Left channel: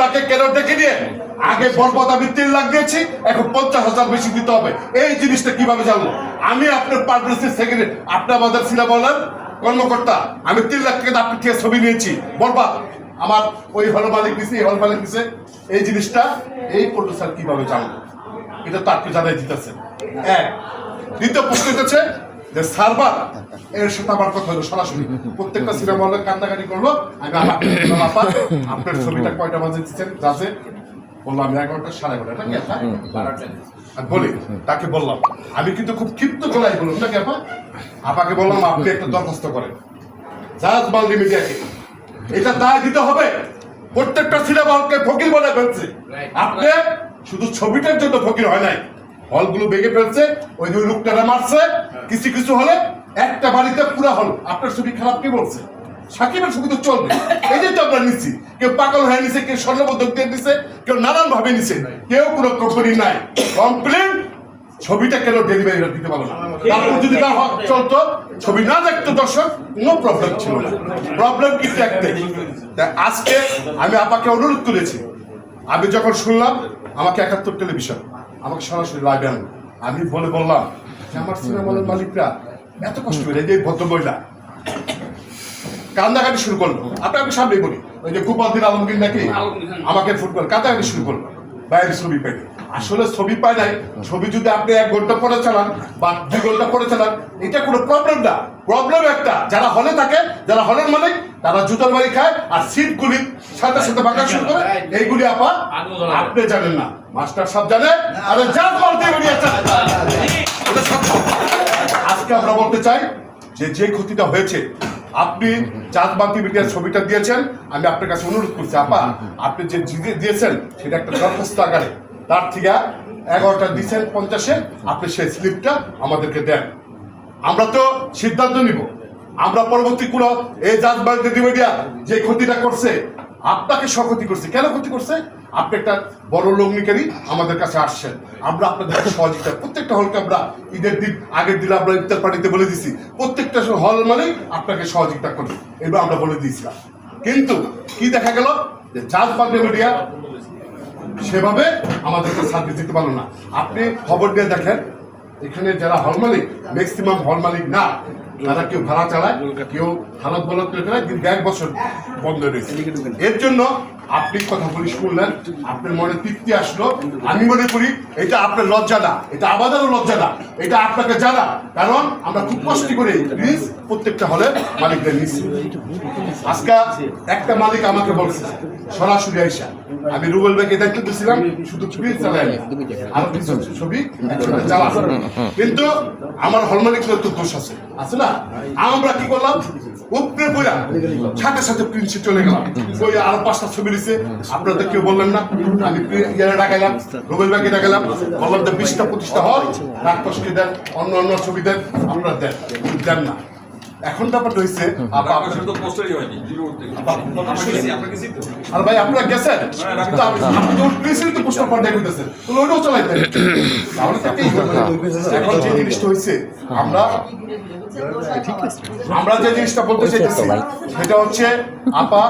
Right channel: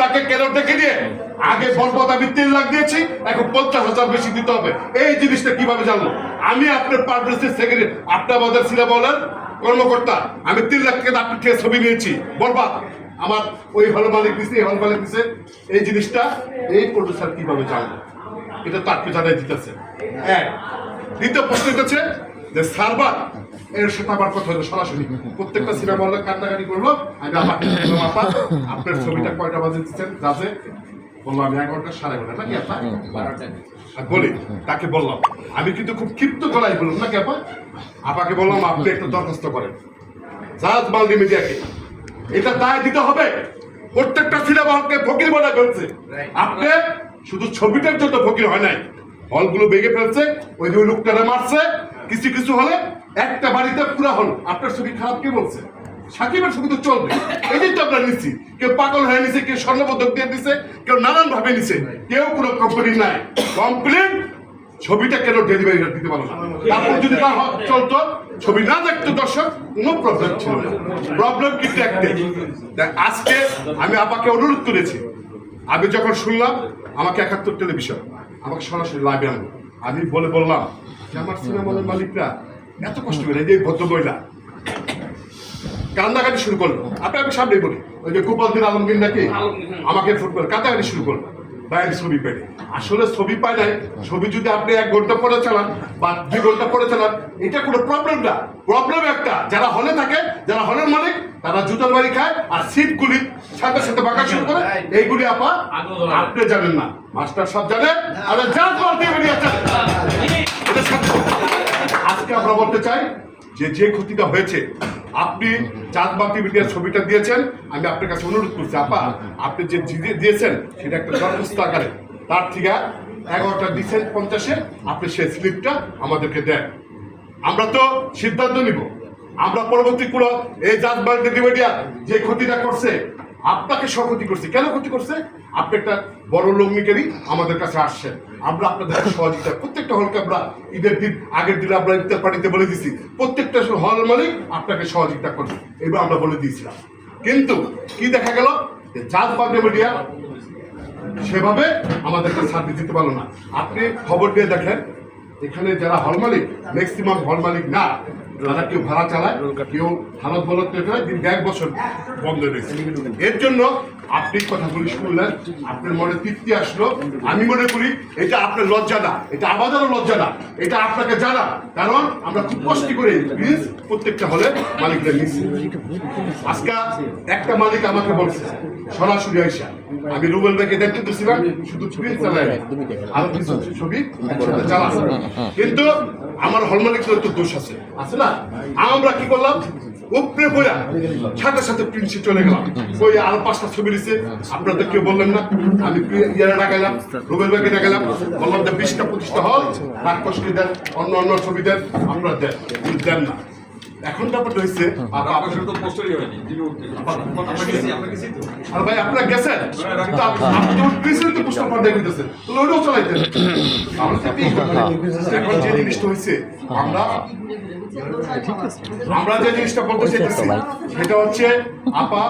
আপনাকে কেন ডেকে নিয়ে আগে বরপদ আমি 3 লাখ দিয়েছি, এখন 50,000 বেশি দিতে হবে। এই জিনিসটা কিভাবে জানবো? আমি আপনার পাবলিসিটি সেক্রেটারি, আপনি আমাদের সিলা বলেন কর্মকর্তা, আমি 3 লাখ টাকা আপনার থেকে ছবি নিয়েছি বরবাদ। আমার ওই হল মালিক দিছে, এই হল মালিক দিছে, এই জিনিসটা এই প্রডিউসার কিভাবে জানবো? এটা তো আপনি জানাই দিতেছে। এক দ্বিতীয় প্রশ্ন হচ্ছে যে সার্ভার এর সাথে আমার কথা হলো সরাসরি প্রত্যেকটা সিনেমা হলে কান্নাকাটি করলো। আমি আমাকে বললাম, আপা আপনার ছবিটা কয়টা বাজে দিচ্ছেন? যাচ্ছে বললাম 11টা 11:30 নাকি আপা? 12টা বলি তাকে বললাম, আমি কিন্তু খুব ক্ষিপ্ত গলায় বললাম নাকি আপা? আপাকে বললাম আপনি একটা দরখাস্ত করেন জাজ মাল্টিমিডিয়াকে, এটা দায় দিতে হবে। প্রত্যেকটা সিনেমা হলকে ফকির বানায় ফেলছে। আপনি শুধু ছবিটার জন্য ফকির হয় নাই, হলগুলো ভেঙে ফেলছে, ওই দুই লোকটারা মারছে। কিছু কিছু হলে একটা বাড়িতে পুরা হল আপনার ছবি খারাপ কে বলছে? সাকিবের ছবি তো চলবে, এই যে তো আমরা নিচ্ছি। কেউ পাগল হয়ে নিছে, কেউ স্বর্ণপদক দিয়ে দিছে, কেউ নানান ভাবে নিছে, কেউ কোনো কোম্পানি নাই কমপ্লেন। ছবিটা কেন ডেলিভারি দিতে পারলো না? তারপর যদি না চলতো, ছবি না দেখতো দর্শক, কোনো প্রবলেম ছিল না। প্রবলেম কিন্তু একটাই, আজকে আমি আপাকে অনুরোধ করেছি, আমি যখন শুনলাম আমাকে 71 টেলিভিশন আমাকে সরাসরি লাইভে আনলো, আমি বললাম যে আমার সিনেমার মালিকরা এত কষ্ট করে, যে ভদ্র মহিলা কান্দাকাটি শুরু করলো। আমি সামনে বলি, ওই যে গোপাল দিন আলমগীর নাকি আমাকে ফোন করে কান্দাকাটি শুরু করলো, বাইরে ছবি পাই। আসলে ছবি পাই নাই, ছবি যদি আপনি 1 ঘন্টা পরে চালান বা 2 ঘন্টা পরে চালান, এটা কোনো প্রবলেম না। প্রবলেম একটা, যারা হলে থাকে, যারা হলের মালিক, তারা জুতার বাড়ি খায় আর সিটগুলি সাথে সাথে বাঁকা শুরু করে। এইগুলি আপা আপনি জানেন না, মাস্টার সব জানে। আরে জাজ মারতে বেরিয়েছে। আজকে আমরা বলতে চাই যে যে ক্ষতিটা হয়েছে, আপনি জাজ মাল্টিমিডিয়ার ছবিটা দিয়েছেন, আমি আপনার কাছে অনুরোধ করছি আপা, আপনি যে দিয়েছেন সেটা একটা দরখাস্ত আকারে, তার থেকে 11টা দিচ্ছেন 50-এ, আপনি সেই স্লিপটা আমাদেরকে দেন, আমরা তো সিদ্ধান্ত নিব। আমরা পরবর্তী কোনো এই জাজ মাল্টিমিডিয়া যে ক্ষতিটা করছে, আপনাকে ক্ষতি করছে। কেন ক্ষতি করছে? আপনি একটা বড় লগ্নিকারী আমাদের কাছে আসছেন, আমরা আপনাদের সহযোগিতা, প্রত্যেকটা হলকে আমরা ঈদের দিন আগের দিন আমরা ইফতার পার্টিতে বলে দিছি প্রত্যেকটা হল মালিক আপনাকে সহযোগিতা করবে, এবার আমরা বলে দিয়েছিলাম। কিন্তু কি দেখা গেল যে জাজ মাল্টিমিডিয়া সেভাবে আমাদেরকে সার্ভিস দিতে পারলো না। আপনি খবর দিয়ে দেখেন, এখানে যারা হল মালিক ম্যাক্সিমাম হল মালিক না, তারা কেউ ভাড়া চালায়, কেউ হালত বলত করে চালায়, দিন 1 বছর বন্ধ রয়েছে। এর জন্য আপনি কথাগুলি শুনলেন, আপনার মনে তৃপ্তি আসলো। আমি মনে করি এটা আপনার লজ্জা না, এটা আমাদেরও লজ্জা না, এটা আপনাকে জানা। কারণ আমরা খুব কষ্ট করে প্লিজ প্রত্যেকটা হলে মালিকদের নিচ্ছি। আজকে একটা মালিক আমাকে বলছে সরাসরি আইসা, আমি রুবেল ভাইকে দেখতে দিয়েছিলাম, শুধু ছবি চালাই আরো কিছু ছবি একসাথে চালাচ্ছে, কিন্তু আমার হল মালিকের তো দোষ আছে, আছে না? আমরা কি করলাম, উপরে বইয়া সাথে সাথে প্রিন্সে চলে গেলাম, ওই আরো 5টা ছবি দিছে। আপনারা তো কেউ বললেন না, আমি ইয়ারে ডাকাইলাম, রুবেল ভাইকে ডাকাইলাম, বললাম যে 20টা 25টা হল নাটককে দেন, অন্য অন্য ছবি দেন, আপনারা দেন না। এখন ব্যাপারটা হয়েছে আর ভাই আপনারা গেছেন, আপনি যখন প্রিন্সিপাল তো পোস্টার পাঠাই করতেছেন, ওইটাও চলাই দেন। এখন যে জিনিসটা হয়েছে, আমরা যে জিনিসটা বলতে চাইতেছি সেটা হচ্ছে আপা,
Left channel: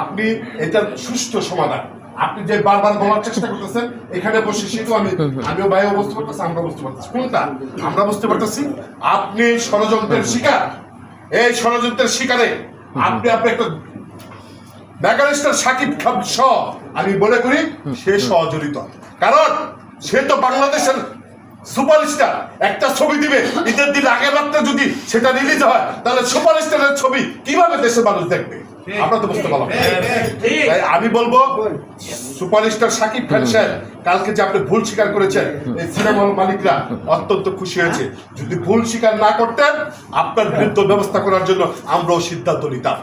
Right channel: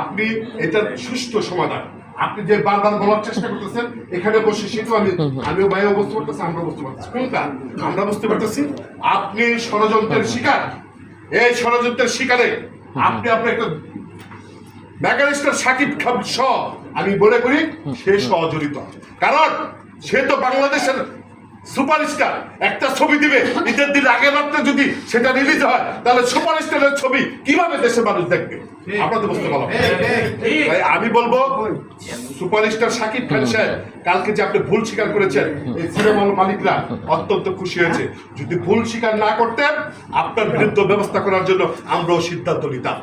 আপনি এটার সুষ্ঠু সমাধান আপনি যে বারবার বলার চেষ্টা করতেছেন, এখানে বসে সেটা আমিও ভাইও বুঝতে পারতেছি, আমরা বুঝতে পারতেছি। কোনটা আমরা বুঝতে পারতেছি? আপনি ষড়যন্ত্রের শিকার। এই ষড়যন্ত্রের শিকারে আপনি একটা মেগাস্টার সাকিব খান সহ আমি বলে করি সে সহজড়িত। কারণ সে তো বাংলাদেশের সুপারস্টার। একটা ছবি দিবে, ঈদের দিন আগের রাত্রে যদি সেটা রিলিজ হয়, তাহলে সুপারস্টারের ছবি কিভাবে দেশের মানুষ দেখবে? আমরা তো বুঝতে পারলাম। আমি বলবো সুপারস্টার সাকিব খান সাহেব, কালকে যে আপনি ভুল স্বীকার করেছেন, এই সিনেমার মালিকরা অত্যন্ত খুশি হয়েছে। যদি ভুল স্বীকার না করতেন, আপনার বিরুদ্ধে ব্যবস্থা করার জন্য আমরাও সিদ্ধান্ত নিতাম।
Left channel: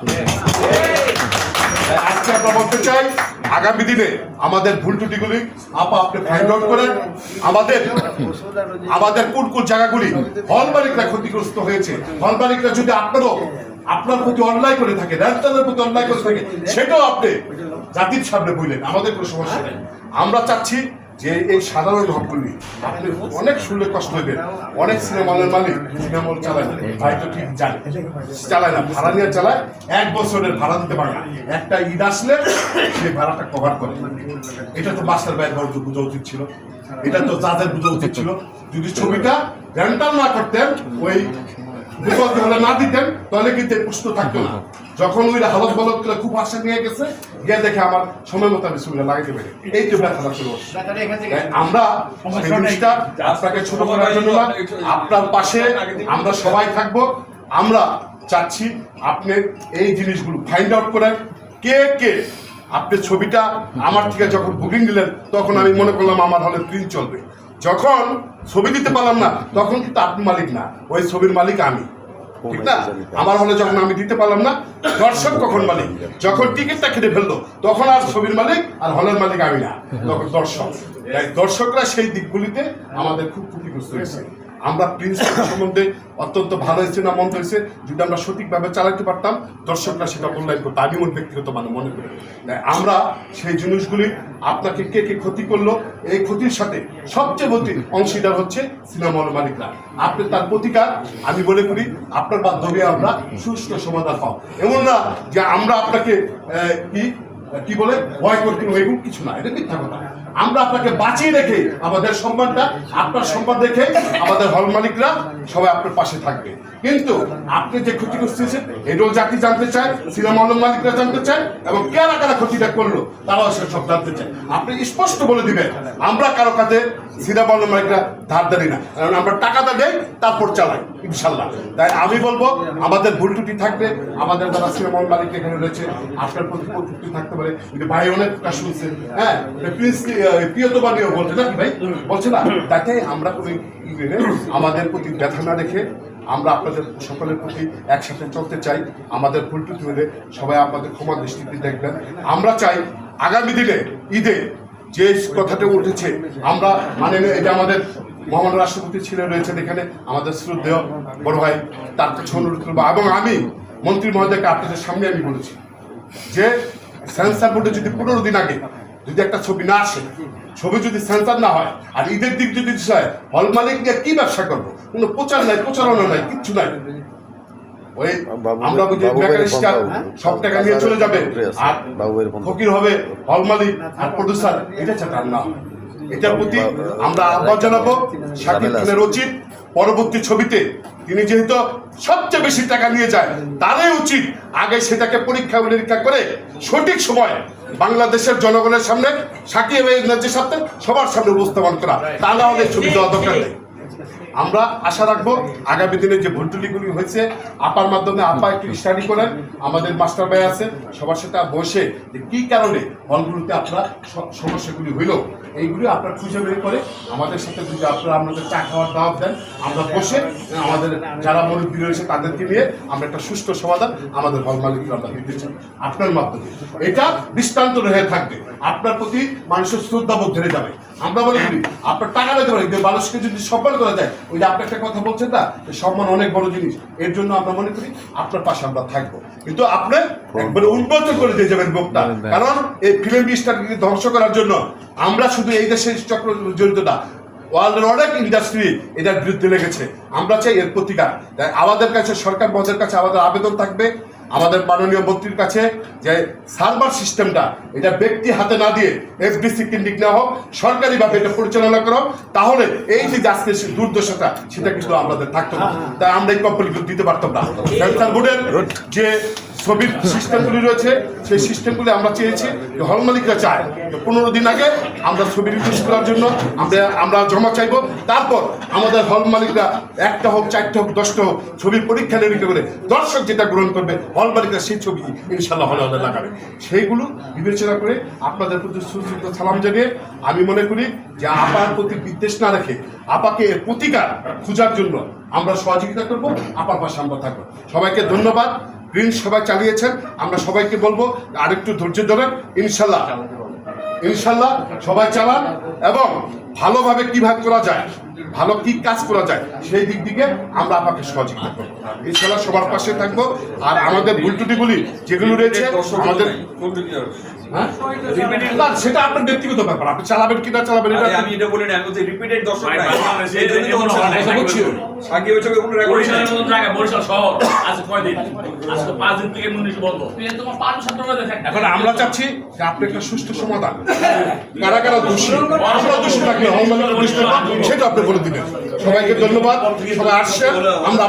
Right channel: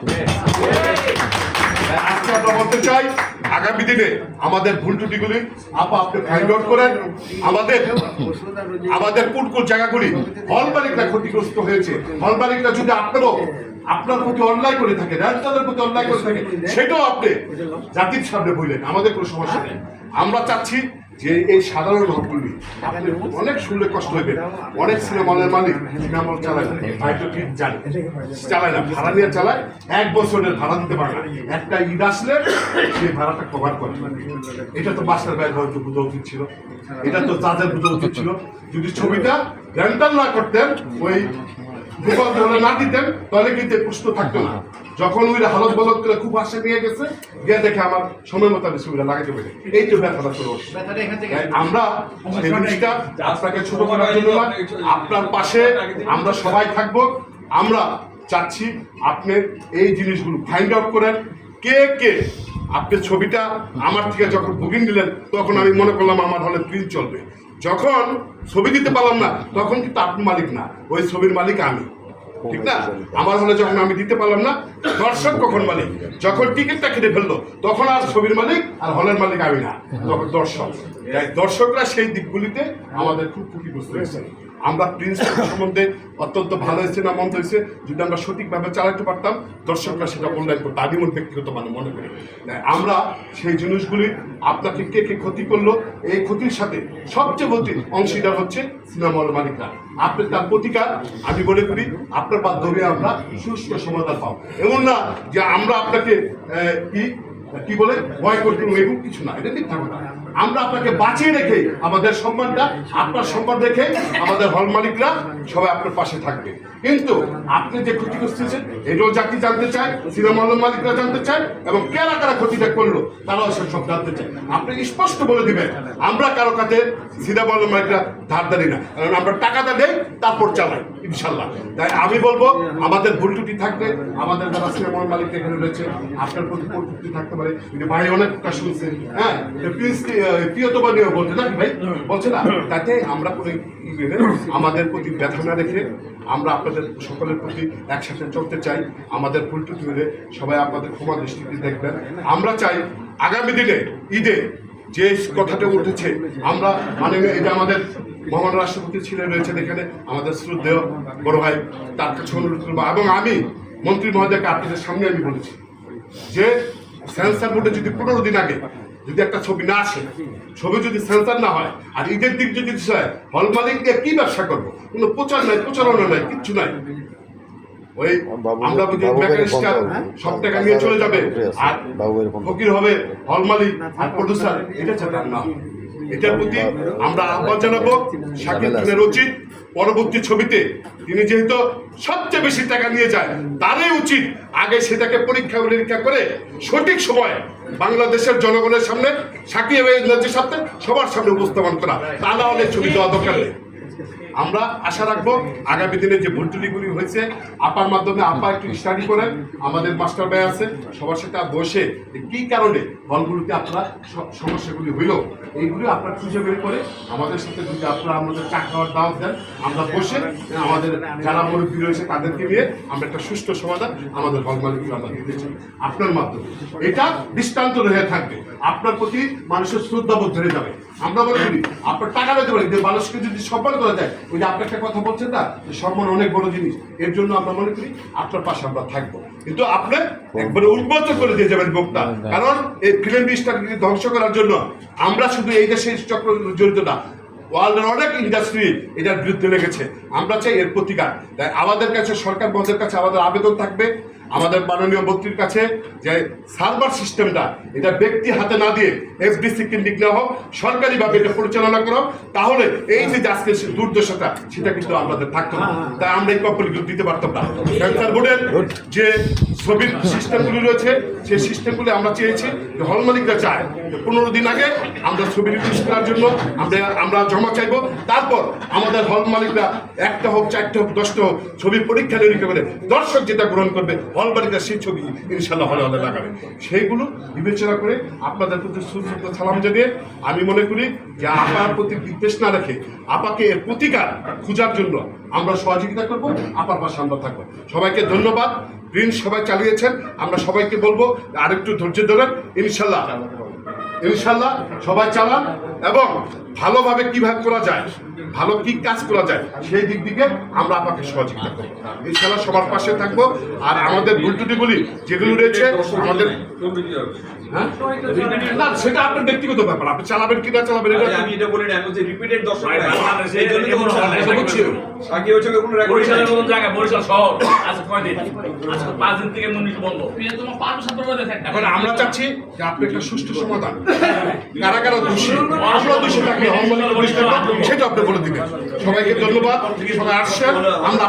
আজকে আমরা বলতে চাই, আগামী দিনে আমাদের ভুল ত্রুটিগুলি আপনি ফাইন্ড আউট করেন। আমাদের কোন কোন জায়গাগুলি হল মালিকরা ক্ষতিগ্রস্ত হয়েছে, হল মালিকরা যদি আপনার প্রতি অন্যায় করে থাকে, ন্যাশনালের প্রতি অন্যায় করে থাকে, সেটাও আপনি জাতির সামনে বললেন, আমাদের কোনো সমস্যা নেই। আমরা চাচ্ছি যে এই সাধারণ হকগুলি আপনি অনেক শুনলে কষ্ট হইবে। অনেক সিনেমা হলের মালিক সিনেমা হল চালায় না, ভাই তো ঠিক জানে, চালায় না, ভাড়া নিয়ে চালায়, 1 বছরের ভাড়া দিতে পারে না। একটা ঈদ আসলে সে ভাড়াটা কভার করে। এটা তো মাস্টার ভাই ঘর বোঝা উচিত ছিল, এটা তো তাদের বোঝা উচিত ছিল। যদি ছবিটা রেন্টাল না করতেন, ওই বিপদে হলে না দিতেন, তাহলে কিন্তু প্রশ্ন থাকতো না। যখন ওই হালত বলত করে খুব আশা নিয়ে গেছে, গিয়ে দেখে আমার সময় মতো আমি ছবিটা লাগাইতে পারি, এই তো ব্যথা চলে আসছে। আমরা সেই জিনিসটা আপনাকে ছোট করার জন্য না, আপনার পাশে আমরা সবাই থাকবো। আমরা চাচ্ছি আপনি এই জিনিসগুলো ফাইন্ড আউট করেন, কে কে আপনি ছবিটা আমার থেকে যখন বুকিং দিলেন, তখন আমি মনে করলাম আমার হলে প্রিন্ট চলবে। যখন ছবি দিতে পারলাম না, তখন কিন্তু আপনি মালিক না, ওই ছবির মালিক আমি, ঠিক না? আমার হলে যখন আমি দিতে পারলাম না, দর্শক কখন মালিক? যখন টিকিটটা কেটে ফেললো, তখন আর ছবির মালিক আর হলের মালিক আমি না, তখন দর্শক। দর্শকরা সেই দিকগুলিতে আমাদের খুব ক্ষতিগ্রস্ত হয়েছে। আমরা প্রিন্স সম্বন্ধে অত্যন্ত ভালো হয়েছে না মন্দ হয়েছে, যদি আমরা সঠিকভাবে চালাতে পারতাম, দর্শকরা সেটা মূল্যায়ন করতো। আমি মোট ব্যক্তিগত মনে করি আমরা সেই জিনিসগুলি আপনাকে কে কে ক্ষতি করলো, এই ক্ষতির সাথে সবচেয়ে বলতে অংশীদার হচ্ছে সিনেমা হল মালিকরা। আপনি তার প্রতিকার আমি মনে করি আপনার মাধ্যমে আমরা সুষ্ঠু সমাধান পাও। এমন না যে আমরা আপনাকে কি বলে ভয় করতে, এরকম কিছু না, এটা মিথ্যা কথা। আমরা আপনাকে বাঁচিয়ে রেখে আমাদের সম্মানটা, আপনার সম্মান রেখে আমাদের হল মালিকরা সবাই আপনার পাশে থাকবে। কিন্তু আপনি যে ক্ষতি করতেছেন, এটাও জাতি জানতে চায়, সিনেমা হল মালিকরা জানতে চায়, এবং কারা কারা ক্ষতিটা করলো তারাও সব জানতে চায়। আপনি স্পষ্ট বলে দিবেন, আমরা কারো কাছে সিনেমা হল মালিকরা ধার দেয় না, কারণ আমরা টাকাটা দেই, তারপর চালাই ইনশাল্লাহ। তাই আমি বলবো, আমাদের ভুল ত্রুটি থাকলে আমাদের যারা সিনেমা হল মালিক এখানে রয়েছে, আপনার প্রতি ভুল ত্রুটি থাকতে পারে। ভাই অনেক প্রকাশ শুনছেন, হ্যাঁ, প্রিয়তমা নিয়েও বলছে না, ভাই বলছে না, তাতে আমরা কোনো আমাদের প্রতি ব্যথা না রেখে আমরা আপনাদের সকলের প্রতি একসাথে চলতে চাই। আমাদের ভুল ত্রুটি হলে সবাই আপনাদের ক্ষমা দৃষ্টিতে দেখবেন। আমরা চাই আগামী দিনে ঈদে যে কথাটা উঠেছে, আমরা মানে এটা আমাদের মহামান্য রাষ্ট্রপতি ছিলেন রয়েছেন এখানে, আমাদের শ্রদ্ধেয় বড় ভাই, তার কাছে অনুরোধ করবো, এবং আমি মন্ত্রী মহোদয়কে আপনাদের সামনে আমি বলেছি যে সেন্সার বোর্ডে যদি 15 দিন আগে যদি একটা ছবি না আসে, ছবি যদি সেন্সার না হয়, আর ঈদের দিক যদি হল মালিক দিয়ে কি ব্যবসা করবো? কোনো প্রচার নাই, প্রচারণা নাই, কিচ্ছু নাই। ওই আমরা সব টাকা নিয়ে চলে যাবে, আর ফকির হবে হল মালিক আর প্রডিউসার, এটা চাটার না। এটার প্রতি আমরা আহ্বান জানাবো শাকিব খানের উচিত পরবর্তী ছবিতে তিনি যেহেতু সবচেয়ে বেশি টাকা নিয়ে যায়, তারই উচিত আগে সেটাকে পরীক্ষা নিরীক্ষা করে সঠিক সময় বাংলাদেশের জনগণের সামনে শাকিব খানের সাথে সবার সামনে উপস্থাপন করা, তা না হলে ছবি দেওয়া দরকার নেই। আমরা আশা রাখবো আগামী দিনে যে ভুলটুলিগুলি হয়েছে, আপার মাধ্যমে আপা একটু স্টাডি করেন, আমাদের মাস্টার ভাই আছে, সবার সাথে বসে কি কারণে হলগুলোতে আপনার সমস্যাগুলি হইল, এইগুলি আপনার খুঁজে বের করে আমাদের সাথে যদি আপনারা আমাদের চা খাওয়ার দাওয়াত দেন, আমরা বসে আমাদের যারা মুরব্বী রয়েছে তাদেরকে নিয়ে আমরা একটা সুষ্ঠু সমাধান আমাদের হল মালিককে আমরা দিতে চাই আপনার মাধ্যমে। এটা দৃষ্টান্ত রয়ে থাকবে, আপনার প্রতি মানুষের শ্রদ্ধাবোধ ধরে যাবে। আমরা মনে করি আপনার টাকা দিতে পারি, মানুষকে যদি সম্মান করা যায়, ওই যে আপনি একটা কথা বলছেন না, সম্মান অনেক বড় জিনিস, এর জন্য আমরা মনে করি আপনার পাশে আমরা থাকবো। কিন্তু আপনি একবারে উন্নত করে দিয়ে যাবেন মুখটা, কারণ এই ফিল্ম ইন্ডাস্ট্রি ধ্বংস করার জন্য আমরা শুধু এই দেশে চক্র জড়িত না, ওয়ার্ল্ডের অনেক ইন্ডাস্ট্রি এটার বিরুদ্ধে লেগেছে। আমরা চাই এর প্রতিকার। আমাদের কাছে সরকার মঞ্চের কাছে আমাদের আবেদন থাকবে, আমাদের মাননীয় মন্ত্রীর কাছে, যে সার্ভার সিস্টেমটা এটা ব্যক্তি হাতে না দিয়ে এফডিসি কেন্দ্রিক নেওয়া হোক, সরকারিভাবে এটা পরিচালনা করা হোক, তাহলে এই যে আজকে দুর্দশাটা সেটা কিন্তু আমাদের থাকতো না, তাই আমরা এই কোম্পানিগুলো দিতে পারতাম না। সেন্সার বোর্ডের যে ছবির সিস্টেমগুলি রয়েছে, সেই সিস্টেমগুলি আমরা চেয়েছি, হল মালিকরা চায় 15 দিন আগে আমরা ছবি রিলিজ করার জন্য আমরা জমা চাইবো, তারপর আমাদের হল মালিকরা 1টা হোক 4টা হোক 10টা হোক ছবি পরীক্ষা নিরীক্ষা করে দর্শক যেটা গ্রহণ করবে, হল মালিকরা সেই ছবি ইনশাল্লাহ হলে হলে লাগাবে। সেইগুলো বিবেচনা করে আপনাদের প্রতি সুশ্রুত সালাম জানিয়ে আমি মনে করি যে আপার প্রতি বিদ্বেষ না রেখে আপাকে এর প্রতিকার খোঁজার জন্য আমরা সহযোগিতা করব, আপার পাশে আমরা থাকবো। সবাইকে ধন্যবাদ। প্রিন্স সবাই চালিয়েছেন, আমরা সবাইকে বলবো আরেকটু ধৈর্য ধরেন, ইনশাল্লাহ ইনশাল্লাহ সবাই চালান, এবং ভালোভাবে কিভাবে করা যায়, ভালো কি কাজ করা যায় সেই দিক দিকে আমরা আপনাকে সহযোগিতা করবো, ইনশাল্লাহ সবার পাশে থাকবো। আর আমাদের ভুল ত্রুটিগুলি যেগুলো রয়েছে আমাদের হ্যাঁ? না, সেটা আপনার ব্যক্তিগত ব্যাপার, আপনি চালাবেন কিনা চালাবেন এটা আমি এটা বলি না, আমি বলছি রিপিটেড দর্শক ভাই, নাই বাংলাদেশে এই জন্যই তো এমন হচ্ছে না। হয় না, বুঝছি। সাকিব হচ্ছে কোনো রেকর্ড বরিশালের নাই। মতন জায়গায়, বরিশাল শহর, আজকে 6 দিন, আজকে 5 দিন থেকে মন্দির বন্ধ। তোমার পারমিশন করবে দেখেন। এখন আমরা চাচ্ছি যে আপনি একটা সুষ্ঠু সমাধান, কারা কারা দোষী, আমরা দোষী থাকলে আওয়ামী লীগের দোষী থাকলে সেটা আপনি বলে দিবেন। সবাইকে ধন্যবাদ, সবাই আসছেন, আমরা